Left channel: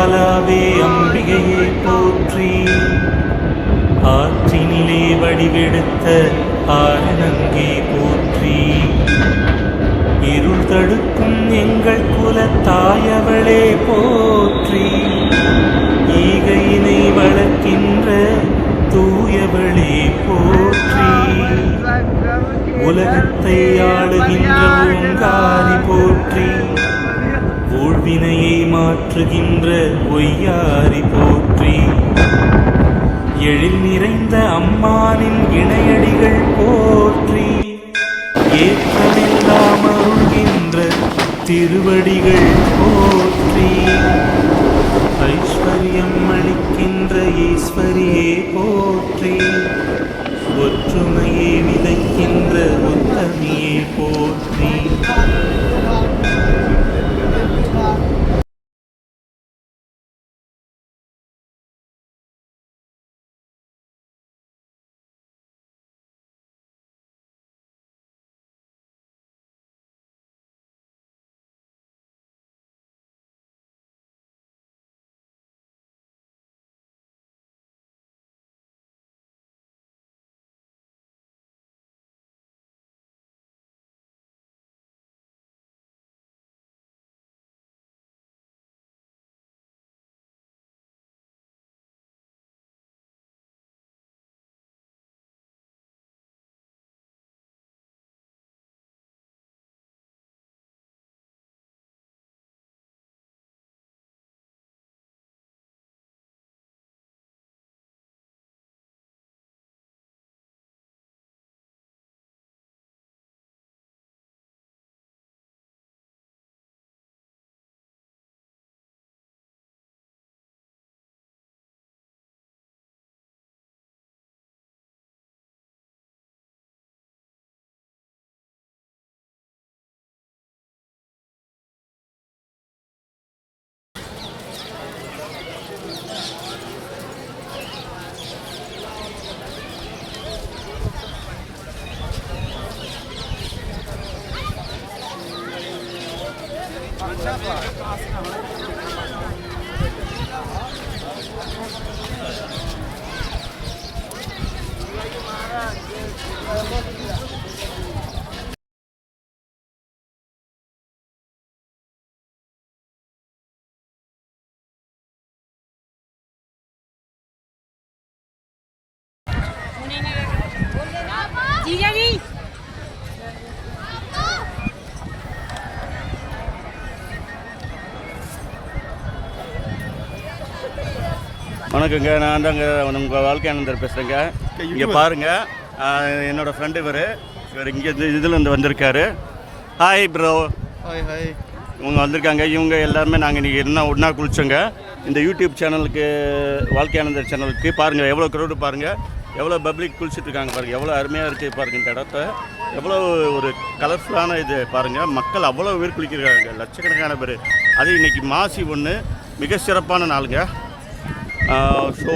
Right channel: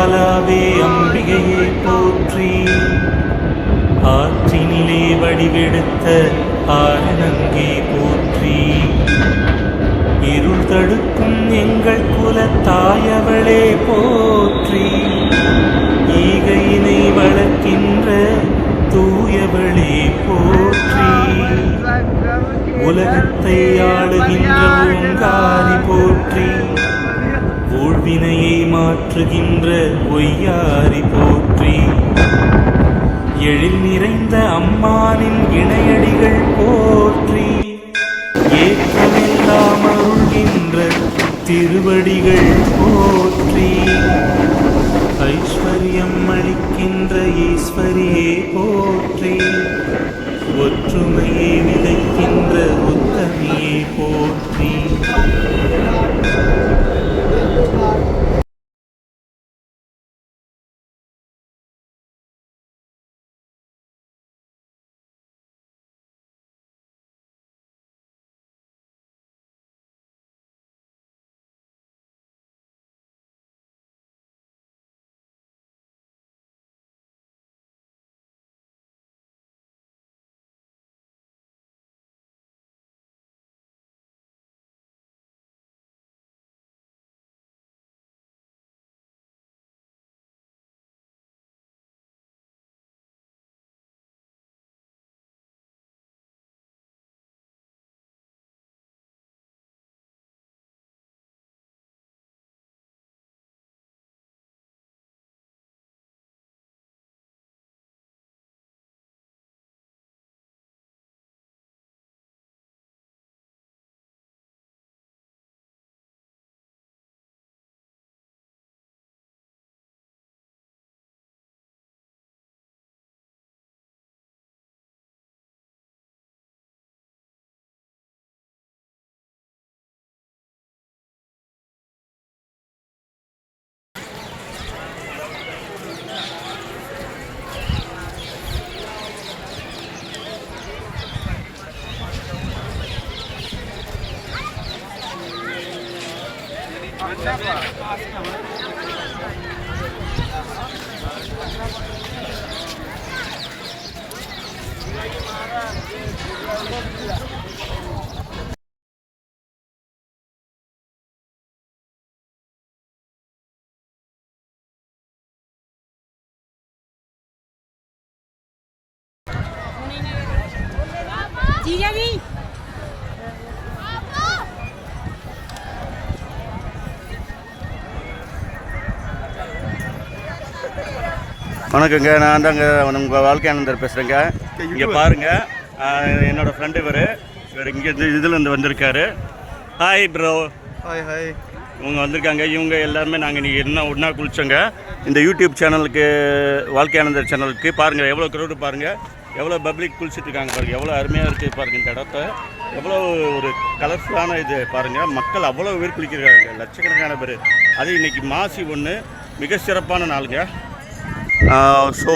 பாலாவே அம்பிகையே போற்றி. ஆற்றினிலே வடிவெடுத்த ஆரணங்கே போற்றி. இருள் தடுக்கும் எங்கள் குலத்தாயவளே போற்றி. ஈகையினை வளர்க்கின்ற தூயவளே போற்றி. உலகத்தை ஆளுகின்ற ஓங்காரி போற்றி. ஊழ்வினையை மாற்றுகின்ற ஒய்யாரி போற்றி. எழில் நிறைந்த அம்மானின் இணையடிகள் போற்றி. ஏற்றமெல்லாம் அருள்கின்ற திருவடிகள் போற்றி. ஐஸ்வர்யம் அளிக்கின்ற ஈஸ்வரியே போற்றி. ஒற்றுமையை விதைக்கின்ற உத்தமியே போற்றி. வணக்கங்க, நான் தாங்க உங்கள் வாழ்க்கையானந்தர் பேசுகிறேங்க. இங்கே பாருங்கள், என்னோடய ஃப்ரெண்டு இவர் இங்கே இதில் வந்திருக்காரு. Hi bro. ஹாய். இவங்க வந்திருக்காங்க. இவங்க எல்லாருமே நாங்கள் இன்றைக்கி ஒன்றா குளித்தோங்க. இந்த யூடியூப் சேனலுக்கு, வாழ்க்கையானந்தர் சேனலுக்கு பாருங்கள் எவ்வளோ க்ரௌடு, பாருங்கள் எவ்வளோ பப்ளிக் குளிச்சுட்ருக்காங்க, பாருங்கள் எவ்வளோ அருமையாக இருக்குது பாருங்கள். இந்த இடத்த எவ்வளோ ஒரு கலர்ஃபுல்லான இது பாருங்கள். மக்கள் அவ்வளோ பேர் குளிக்கிறாங்க, லட்சக்கணக்கான பேர். அது இன்றைக்கி மாசி 1 மிக சிறப்பான நாளுங்க. ஸோ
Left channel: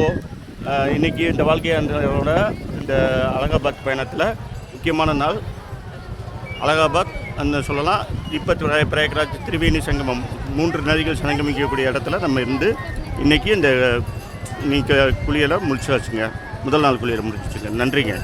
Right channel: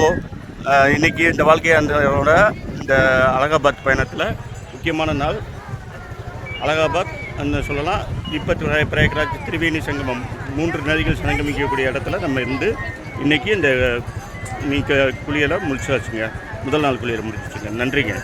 இன்றைக்கி இந்த வாழ்க்கையானந்தரோட இந்த அலகாபாத் பயணத்தில் முக்கியமான நாள். அலகாபாத் அந்த சொல்லலாம். இப்போ பிரயாக்ராஜ், திரிவேணி சங்கமம் 3 நதிகள் சங்கமிக்கக்கூடிய இடத்துல நம்ம இருந்து இன்றைக்கி இந்த குளியலை முடிச்சாச்சுங்க. முதல் நாள் குளியலை முடிச்சுங்க. நன்றிங்க.